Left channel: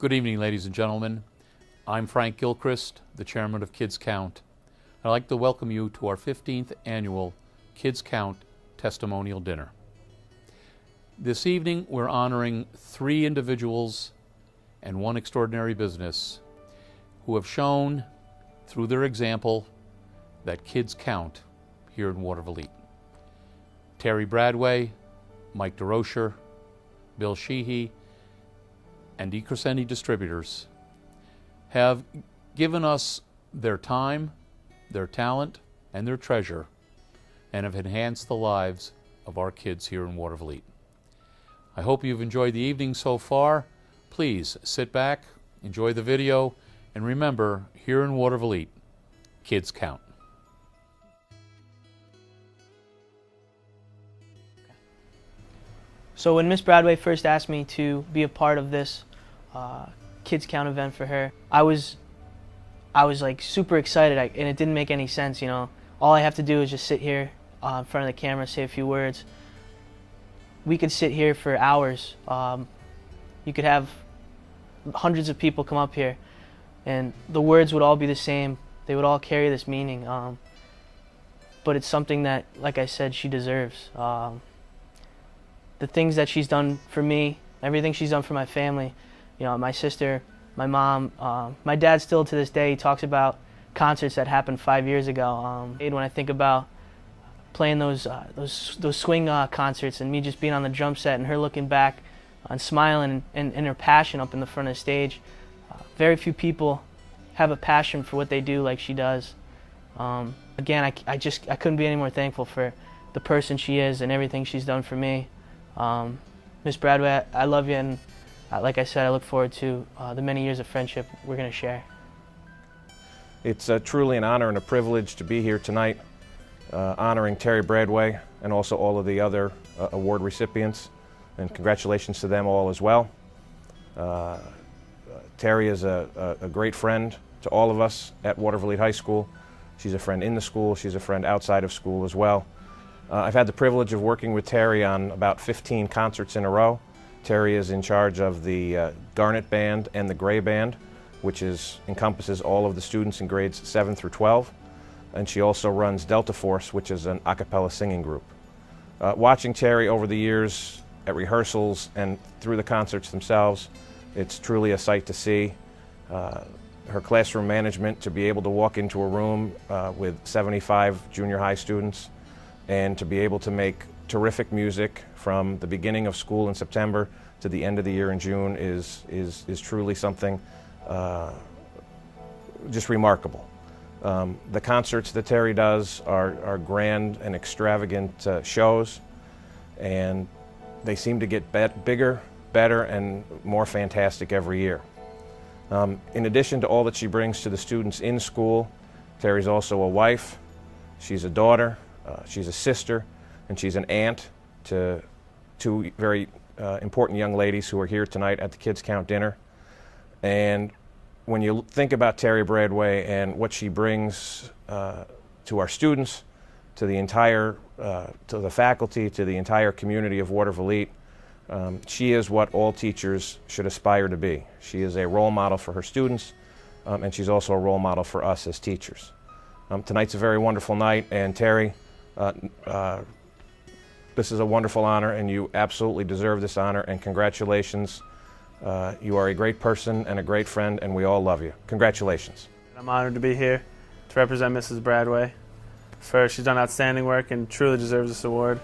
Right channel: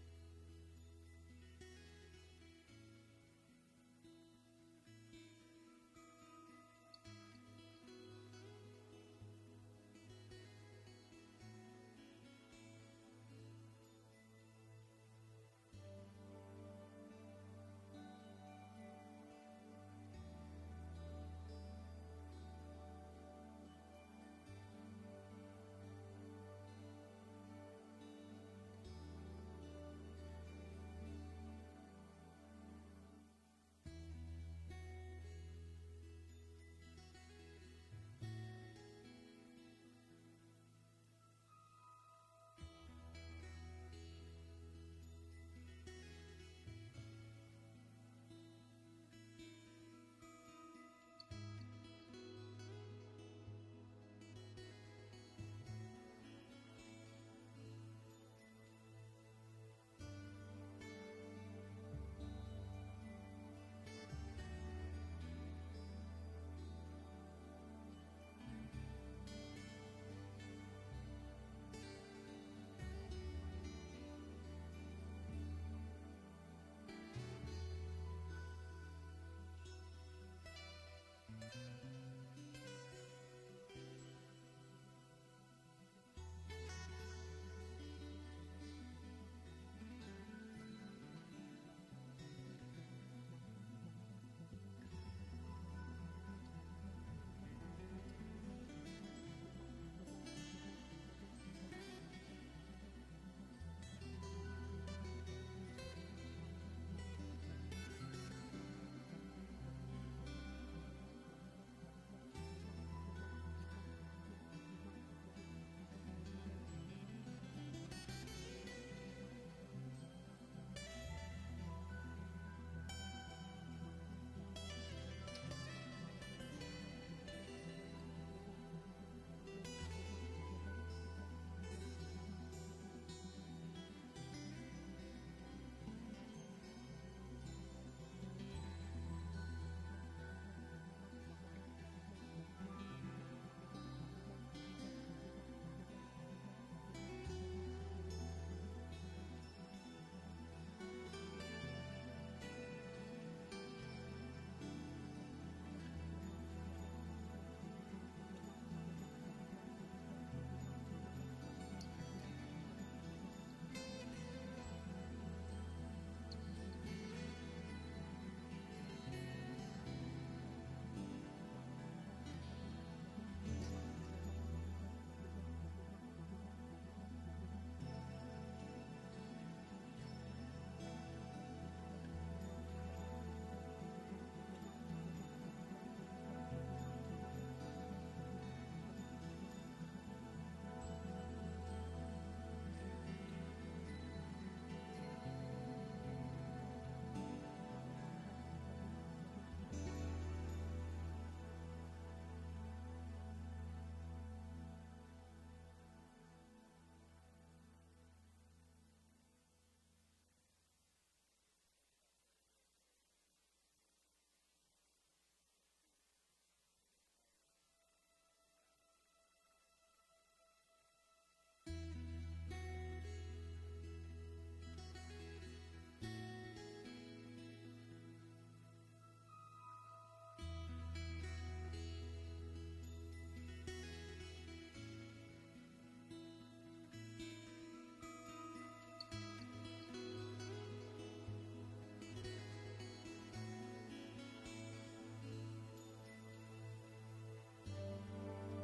Good evening, ladies and gentlemen. I'm Frank Gilchrist, the chairman of Kids Count. I'd like to welcome you to our 15th annual Kids Count Testimonial Dinner. This evening, we're honoring 3 individuals and 1 extraordinary business who have shown through their example that kids count here in Waterville. Terry Bradway, Mike DeRocher, Bill Sheehy, and DeCrescendi Distributors have given us their time, their talent, and their treasure, and have enhanced the lives of our kids here in Waterville. I hope you've enjoyed the evening so far. Please sit back, enjoy the video, and remember, here in Waterville, kids count. So when Miss Bradway first asked me to be a part of this Kids Count event for her, I was like super excited, and it didn't make any sense, you know. All I have to do is just sit here in front of the camera, say a few words. We could sit here for hours. You could have hundreds of people come up here, and the words would all be the same. They would all carry this meaning. But it's something that, like I said, she deserves. The things that she's done for me, everything she's done for my family, you know, my sister, my mom, my dad still to this day, he talks about concerts that happened 5 years ago. When I think about playing those swing concerts and me just being on the drum set and her looking back and smiling and her passion up in the front of the stage, very few people have a passion for what they do like she does. Again, I couldn't be any more thankful for the person she is and everything she's done for me. Miss Bradway, I love you, and like I said, I look forward to the many years of friendship we're going to share. It's truly an honor and a privilege to be here tonight, honoring Terry Bradway and also all of the other award recipients, and congratulations to them all as well. Terry is a great friend to all of us at Waterville High School. She's a friend in the school, she's a friend outside of school as well. I've had the privilege of working with Terry on about 15 concerts in a row. Terry is in charge of the Garnet Band and the Gray Band, which encompasses all of the students in grades 7 through 12. And she also runs Delta Force, which is an a cappella singing group. Watching Terry over the years at rehearsals and through the concerts themselves, it's truly a sight to see. Her classroom management, to be able to walk into a room with 75 junior high students and to be able to make terrific music from the beginning of school in September to the end of the year in June is truly something just remarkable. The concerts that Terry does are grand and extravagant shows, and they seem to get bigger, better, and more fantastic every year. In addition to all that she brings to the students in school, Terry's also a wife, she's a daughter, she's a sister, and she's an aunt to 2 very important young ladies who are here tonight at the Kids Count dinner. And when you think about Terry Bradway and what she brings to our students, to the entire, to the faculty, to the entire community of Waterville, she is what all teachers should aspire to be. She is a role model for her students, and she's also a role model for us as teachers. Tonight's a very wonderful night, and Terry, this is a wonderful honor, and you absolutely deserve this honor, and congratulations. You are a great person and a great friend, and we all love you. Congratulations. I'm honored to be here to represent Mrs. Bradway. She's done outstanding work and truly deserves this award.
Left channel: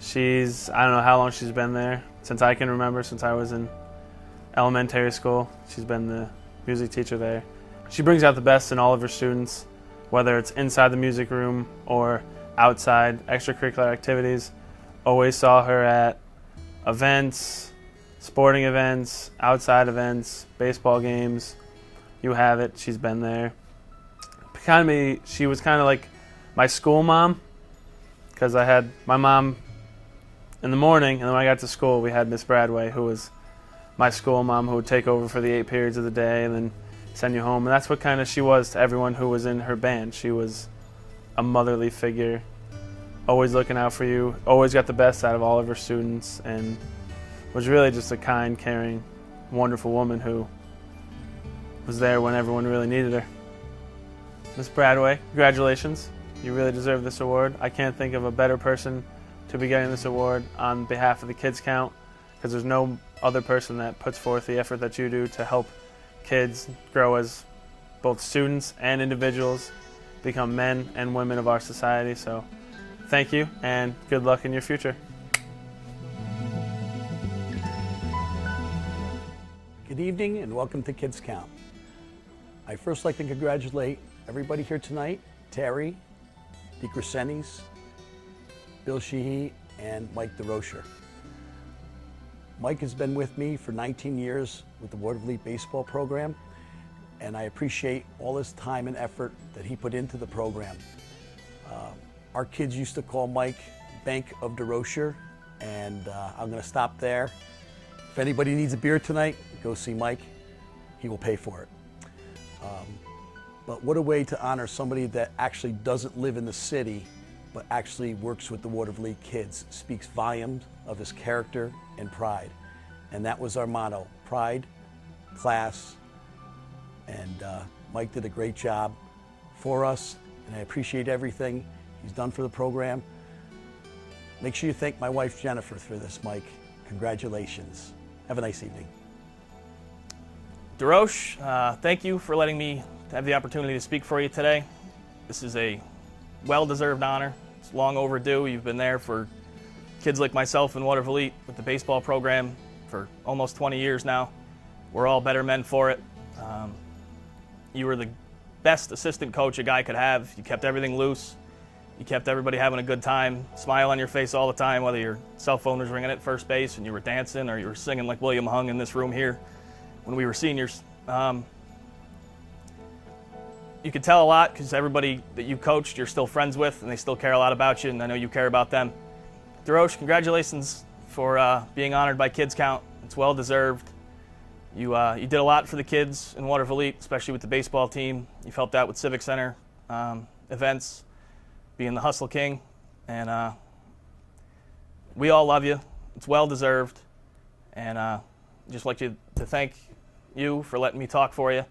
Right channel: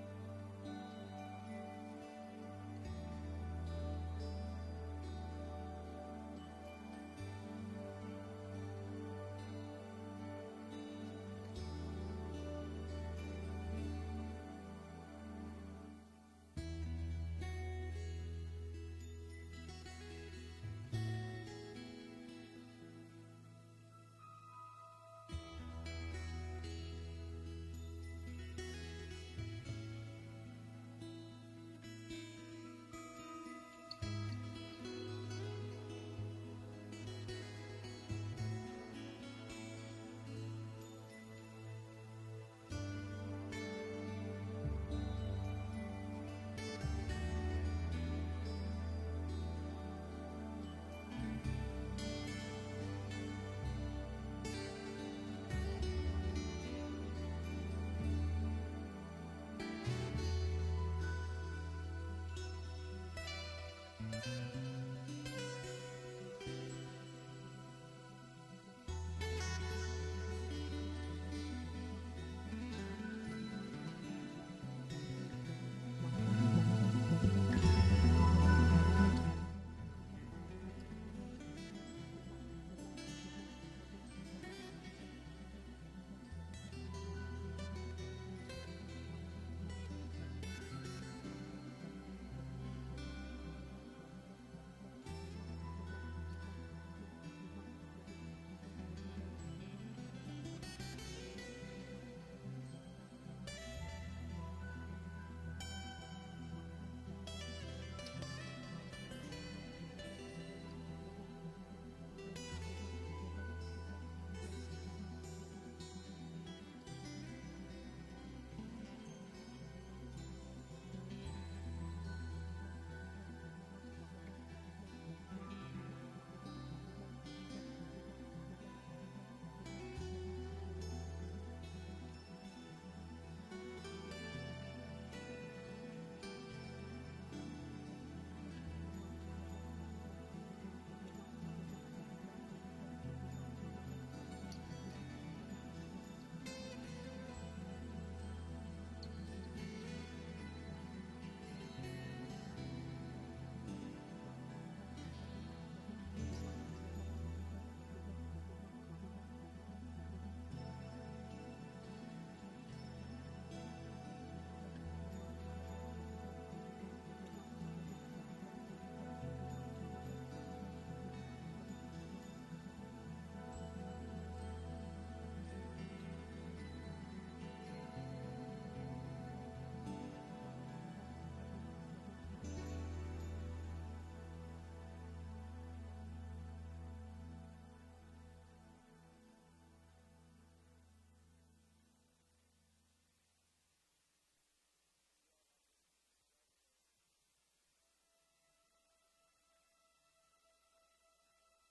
I don't know how long she's been there, since I can remember, since I was in elementary school. She's been the music teacher there. She brings out the best in all of her students, whether it's inside the music room or outside extracurricular activities. Always saw her at events, sporting events, outside events, baseball games. You have it, she's been there. She was kind of like my school mom, because I had my mom in the morning, and then when I got to school, we had Miss Bradway, who was my school mom, who would take over for the 8 periods of the day and then send you home. And that's what kind of she was to everyone who was in her band. She was a motherly figure, always looking out for you, always got the best out of all of her students, and was really just a kind, caring, wonderful woman who was there when everyone really needed her. Miss Bradway, congratulations. You really deserve this award. I can't think of a better person to be getting this award on behalf of the Kids Count, because there's no other person that puts forth the effort that you do to help kids grow as both students and individuals, become men and women of our society. So thank you and good luck in your future. Good evening and welcome to Kids Count. I'd first like to congratulate everybody here tonight, Terry, DeCrescentis, Bill Sheehy, and Mike DeRocher. Mike has been with me for 19 years with the Ward of Elite baseball program, and I appreciate all his time and effort that he put into the program. Our kids used to call Mike Bank of DeRocher, and I'm going to stop there. If anybody needs a beer tonight, go see Mike. He will pay for it. But what a way to honor somebody that actually doesn't live in the city, but actually works with the Ward of Elite kids. Speaks volumes of his character and pride. And that was our motto: pride, class, and Mike did a great job for us, and I appreciate everything he's done for the program. Make sure you thank my wife Jennifer for this, Mike. Congratulations. Have a nice evening. DeRoche, thank you for letting me have the opportunity to speak for you today. This is a well-deserved honor. It's long overdue. You've been there for kids like myself in Ward of Elite with the baseball program for almost 20 years now. We're all better men for it. You were the best assistant coach a guy could have. You kept everything loose. You kept everybody having a good time, smile on your face all the time, whether your cell phone was ringing at first base and you were dancing or you were singing like William Hung in this room here when we were seniors. You could tell a lot because everybody that you coached you're still friends with, and they still care a lot about you, and I know you care about them. DeRoche, congratulations for being honored by Kids Count. It's well deserved. You did a lot for the kids in Ward of Elite, especially with the baseball team. You've helped out with Civic Center events, being the Hustle King, and we all love you. It's well deserved, and just like to thank you for letting me talk for you.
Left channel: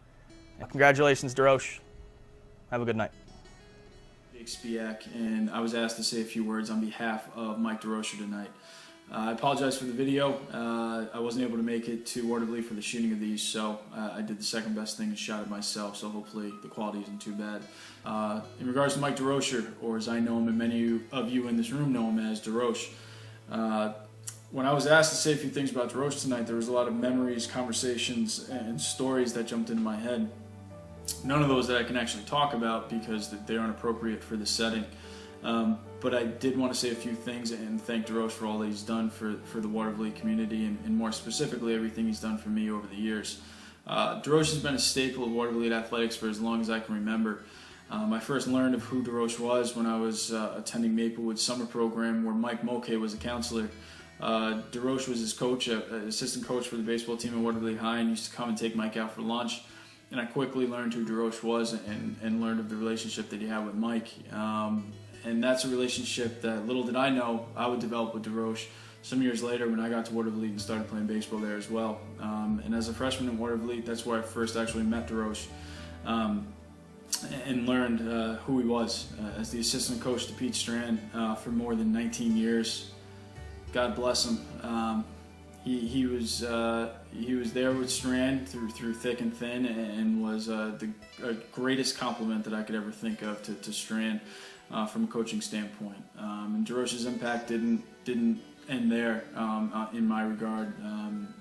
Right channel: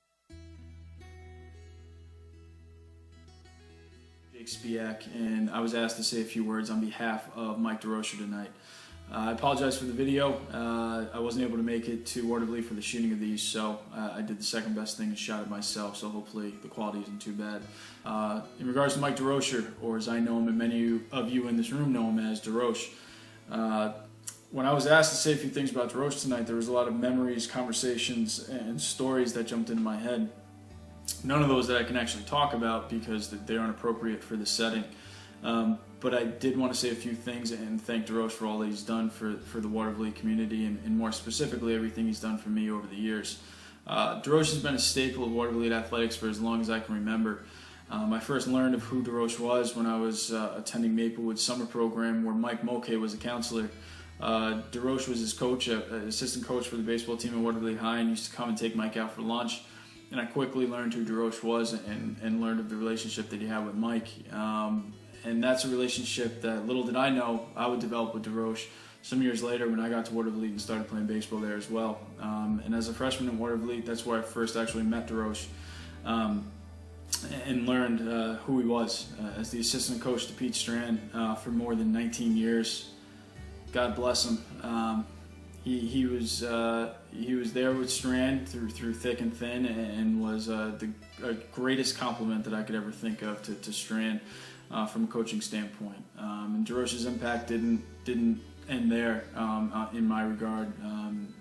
Congratulations, DeRoche. Have a good night. Jake Spiak, and I was asked to say a few words on behalf of Mike DeRocher tonight. I apologize for the video. I wasn't able to make it to Ward of Elite for the shooting of these, so I did the second best thing and shot it myself, so hopefully the quality isn't too bad. In regards to Mike DeRocher, or as I know him and many of you in this room know him as DeRoche, when I was asked to say a few things about DeRoche tonight, there was a lot of memories, conversations, and stories that jumped into my head. None of those that I can actually talk about because they aren't appropriate for the setting. But I did want to say a few things and thank DeRoche for all that he's done for the Ward of Elite community and more specifically everything he's done for me over the years. DeRoche has been a staple of Ward of Elite athletics for as long as I can remember. I first learned of who DeRoche was when I was attending Maplewood summer program where Mike Mulcahy was a counselor. DeRoche was his coach, assistant coach for the baseball team at Ward of Elite High, and used to come and take Mike out for lunch. And I quickly learned who DeRoche was and learned of the relationship that he had with Mike. And that's a relationship that, little did I know, I would develop with DeRoche some years later when I got to Ward of Elite and started playing baseball there as well. And as a freshman in Ward of Elite, that's where I first actually met DeRoche and learned who he was as the assistant coach to Pete Strand for more than 19 years. God bless him. He was there with Strand through thick and thin, and was the greatest compliment that I could ever think of to Strand from a coaching standpoint. And DeRoche's impact didn't end there in my regard.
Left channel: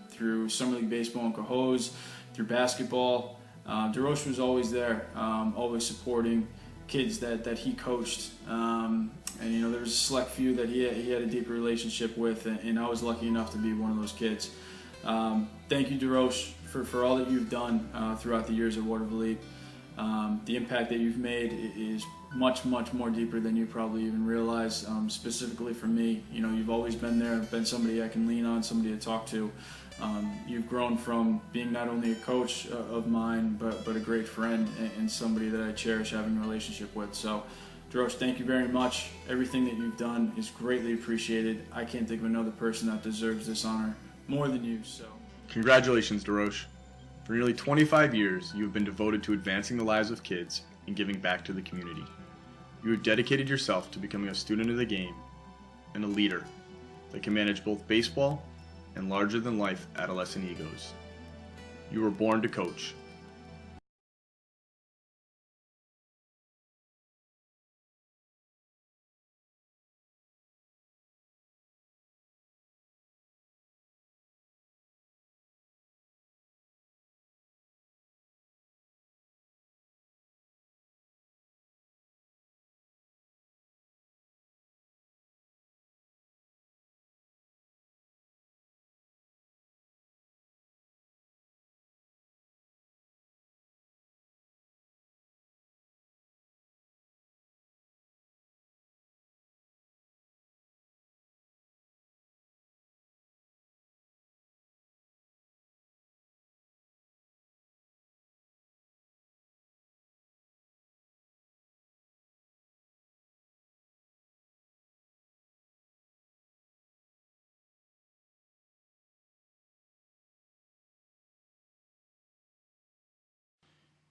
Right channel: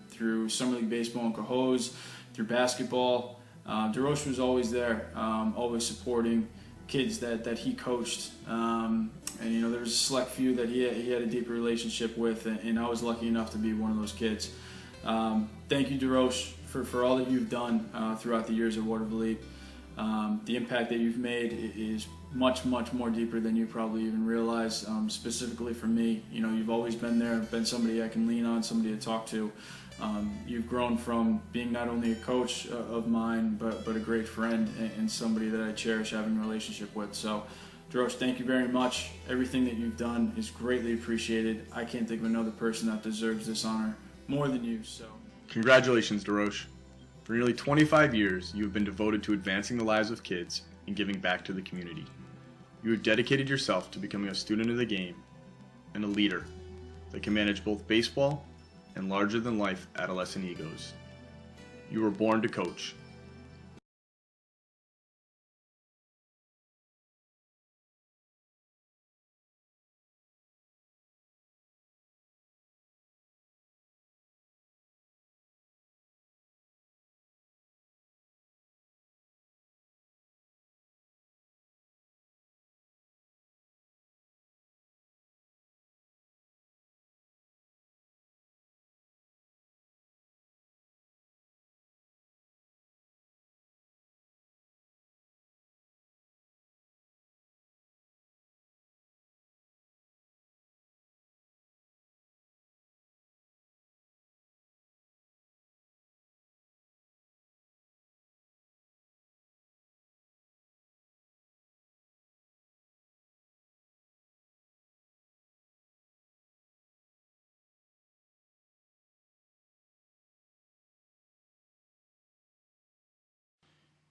Through Summer League Baseball in Cohoes, through basketball, DeRoche was always there, always supporting kids that he coached. And you know, there was a select few that he had a deeper relationship with, and I was lucky enough to be one of those kids. Thank you, DeRoche, for all that you've done throughout the years at Ward of Elite. The impact that you've made is much, much more deeper than you probably even realize. Specifically for me, you know, you've always been there, been somebody I can lean on, somebody to talk to. You've grown from being not only a coach of mine, but a great friend and somebody that I cherish having a relationship with. So, DeRoche, thank you very much. Everything that you've done is greatly appreciated. I can't think of another person that deserves this honor more than you. So, congratulations, DeRoche. For nearly 25 years, you have been devoted to advancing the lives of kids and giving back to the community. You have dedicated yourself to becoming a student of the game and a leader that can manage both baseball and larger-than-life adolescent egos. You were born to coach.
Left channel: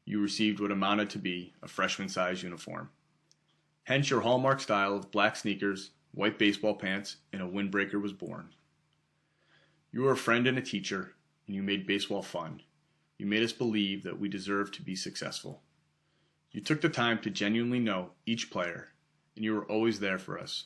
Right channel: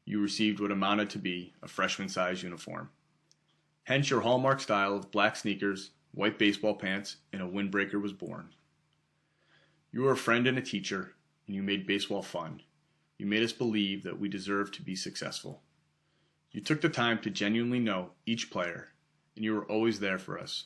You received what amounted to be a freshman-size uniform. Hence your hallmark style of black sneakers, white baseball pants, and a windbreaker was born. You were a friend and a teacher, and you made baseball fun. You made us believe that we deserved to be successful. You took the time to genuinely know each player, and you were always there for us.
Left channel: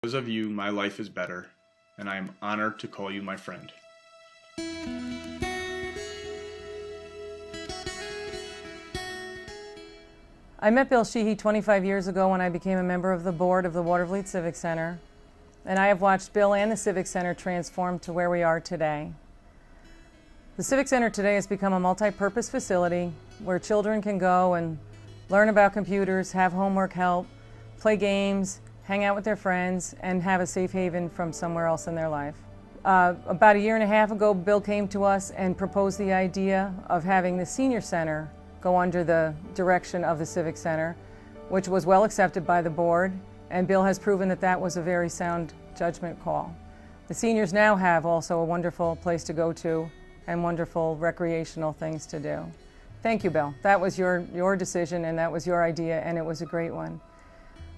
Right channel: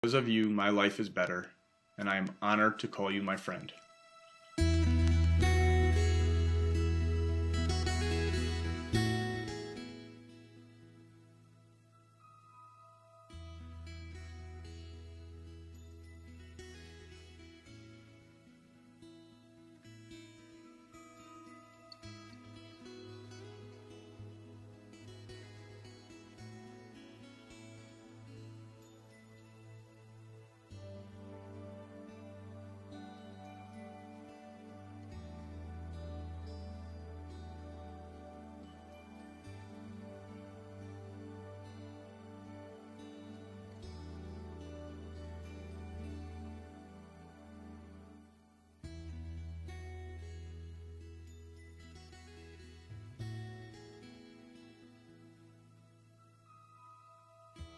Because of you, my life is better, and I am honored to call you my friend. I met Bill Sheehy 25 years ago when I became a member of the board of the Watervliet Civic Center, and I have watched Bill and the Civic Center transform to where we are today. The Civic Center today has become a multi-purpose facility where children can go and learn about computers, have homework help, play games, hang out with their friends, and have a safe haven from somewhere else in their life. About a year and a half ago, Bill came to us and proposed the idea of having the Senior Center go under the direction of the Civic Center, which was well accepted by the board, and Bill has proven that that was a very sound judgment call. The seniors now have also a wonderful place to go to and wonderful recreational things to do. Thank you, Bill. That was your decision, and that was your idea, and it was a great one.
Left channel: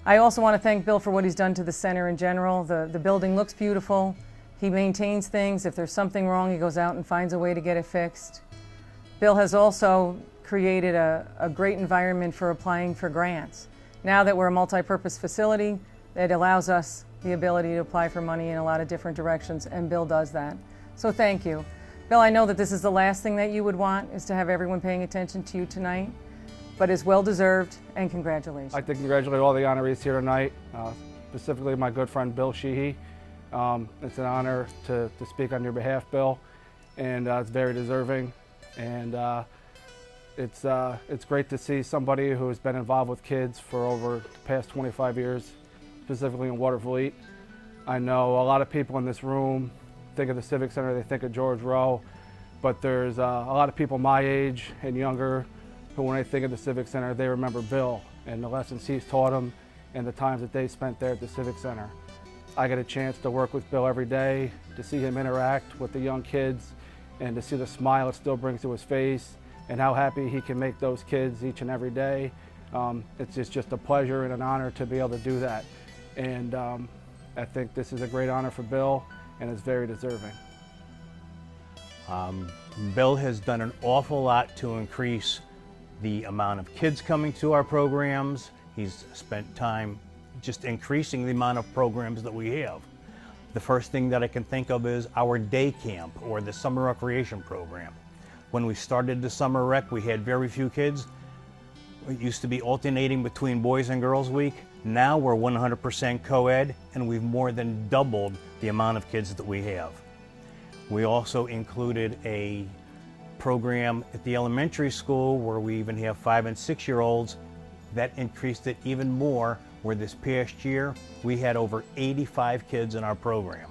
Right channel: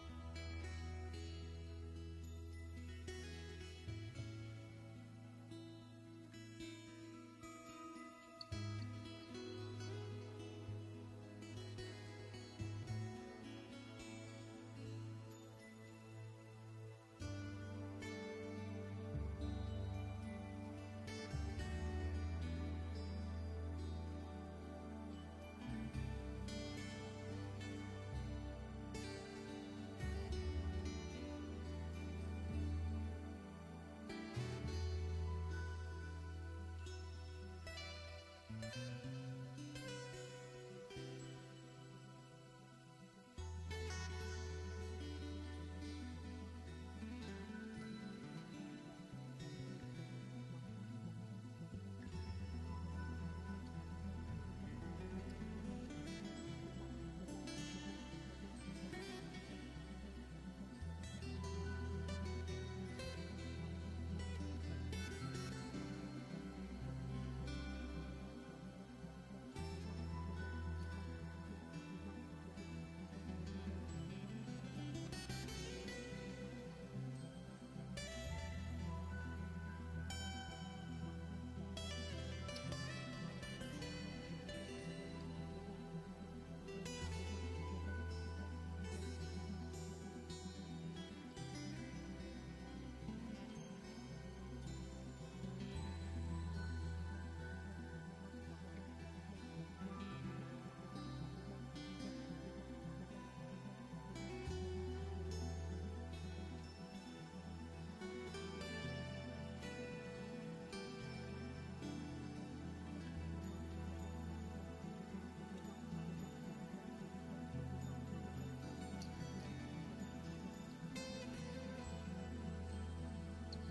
I also want to thank Bill for what he's done to the center in general. The building looks beautiful. He maintains things. If there's something wrong, he goes out and finds a way to get it fixed. Bill has also created a great environment for applying for grants. Now that we're a multi-purpose facility, it allows us the ability to apply for money in a lot of different directions, and Bill does that. So thank you. Bill, I know that this is the last thing that you would want, is to have everyone paying attention to you tonight, but it's well-deserved, and congratulations. I'd like to congratulate all the honorees here tonight, specifically my good friend Bill Sheehy. It's an honor to speak on your behalf, Bill, and it's very deserving. And it's great to see somebody who has been involved with kids for over the past 25 years, specifically in Watervliet. I know a lot of people in this room think of the Civic Center, they think of George Rowe, but there's a lot of people my age and younger who, when they think of the Civic Center, they remember Bill and the lessons he's taught them and the times that they spent there at the Civic Center. I get a chance to work with Bill every day, to see him interact with the young kids and to see the smile it still brings to his face and how happy he can make those kids each and every day. It's just a pleasure and an honor to be able to do that. And I think this is a great honor for Bill, and it's very deserving. Bill has done an awful lot to increase the amount of kids coming to our programs. He's spent time just increasing the amount of programs that we have. The first thing that I can think of is our day camp, or the summer recreation program. When we started the summer rec, we had very few kids. It used to be alternating between boys and girls week. Now we're 100% co-ed, and we've more than doubled the amount of kids that we have. We also included a program at the elementary school where we even have 5- and 6-year-olds. That increased it even more, where this past year we had over 85 kids in our program.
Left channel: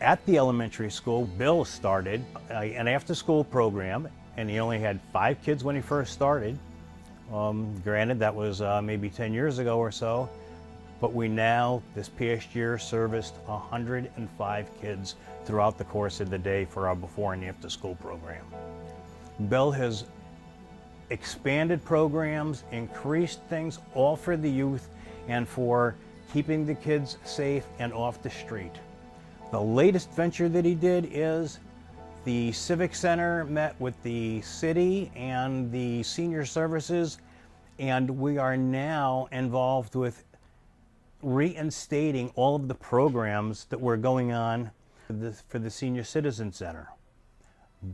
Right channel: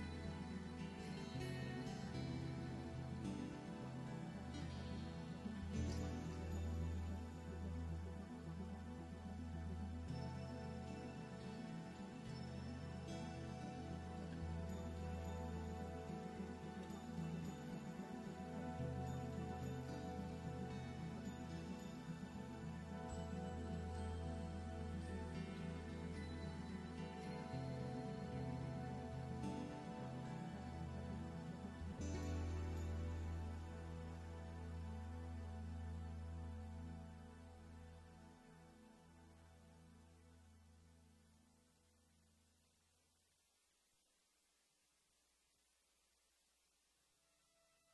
At the elementary school, Bill started an after-school program, and he only had 5 kids when he first started. Granted, that was maybe 10 years ago or so, but we now, this past year, serviced 105 kids throughout the course of the day for our before and after school program. Bill has expanded programs, increased things, all for the youth and for keeping the kids safe and off the street. The latest venture that he did is the Civic Center met with the city and the senior services, and we are now involved with reinstating all of the programs that were going on for the Senior Citizen Center.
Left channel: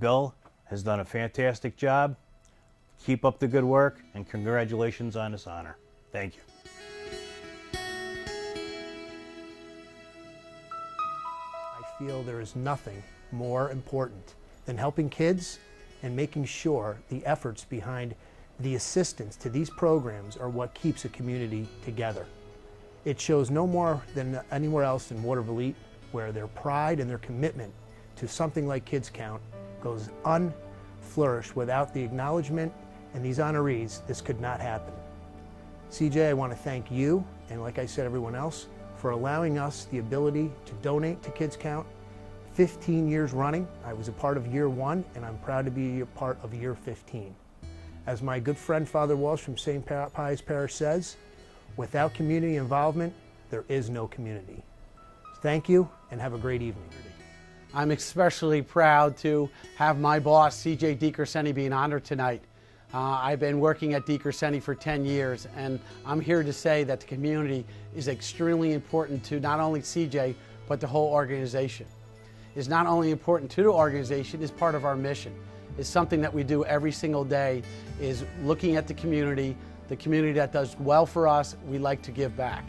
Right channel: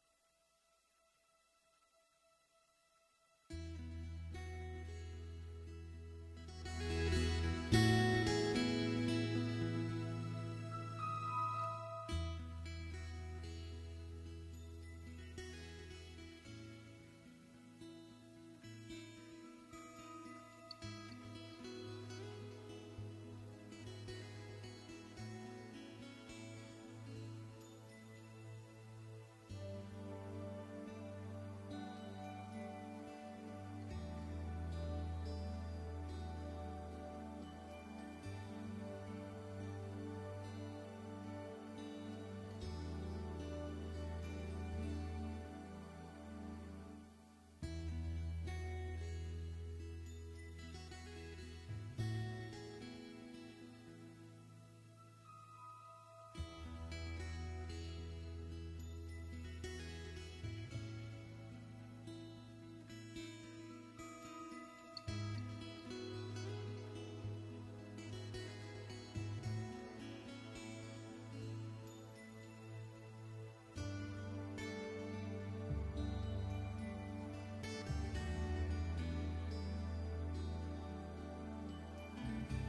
Bill has done a fantastic job. Keep up the good work, and congratulations on this honor. Thank you. I feel there is nothing more important than helping kids and making sure the efforts behind the assistance to these programs are what keeps a community together. It shows no more than anywhere else in Waterville, where their pride and their commitment to something like Kids Count goes unflourished. Without the acknowledgement and these honorees, this could not happen. CJ, I want to thank you, and like I said, everyone else, for allowing us the ability to donate to Kids Count. 15 years running. I was a part of year 1, and I'm proud to be a part of year 15. As my good friend Father Walsh from St. Pius Parish says, without community involvement, there is no community. Thank you, and have a great evening. I'm especially proud to have my boss, CJ DiCrescenzi, being honored tonight. I've been working at DiCrescenzi for 10 years, and I'm here to say that the community is extremely important to not only CJ, but the whole organization. It's not only important to the organization, it's part of our mission. It's something that we do every single day, is looking at the community that does well for us, we like to give back.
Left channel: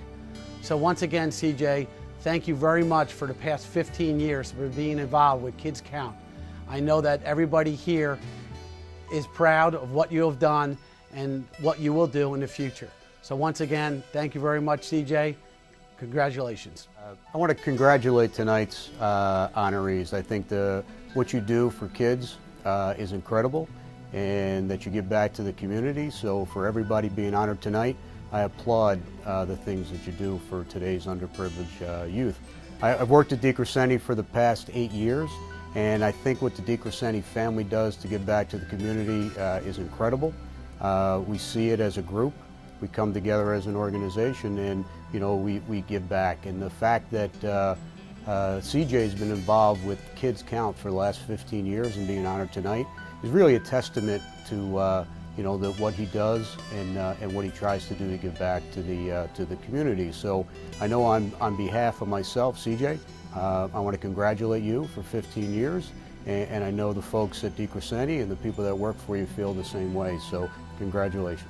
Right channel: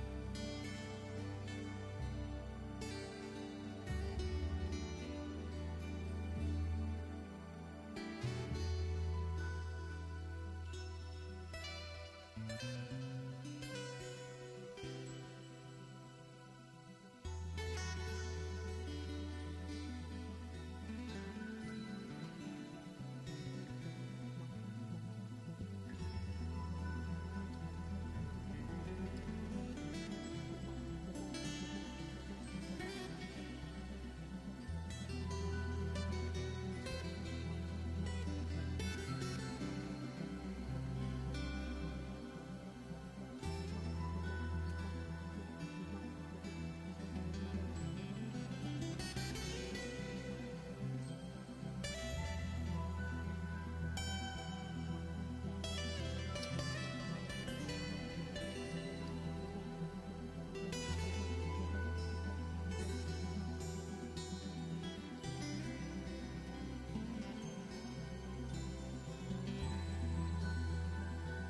So once again, CJ, thank you very much for the past 15 years for being involved with Kids Count. I know that everybody here is proud of what you have done and what you will do in the future. So once again, thank you very much, CJ. Congratulations. I want to congratulate tonight's honorees. I think what you do for kids is incredible, and that you give back to the community. So for everybody being honored tonight, I applaud the things that you do for today's underprivileged youth. I've worked at DiCrescenzi for the past 8 years, and I think what the DiCrescenzi family does to give back to the community is incredible. We see it as a group. We come together as an organization, and we give back. And the fact that CJ's been involved with Kids Count for the last 15 years and being honored tonight is really a testament to what he does and what he tries to do to give back to the community. So I know on behalf of myself, CJ, I want to congratulate you for 15 years, and I know the folks at DiCrescenzi and the people that work for you feel the same way. So congratulations.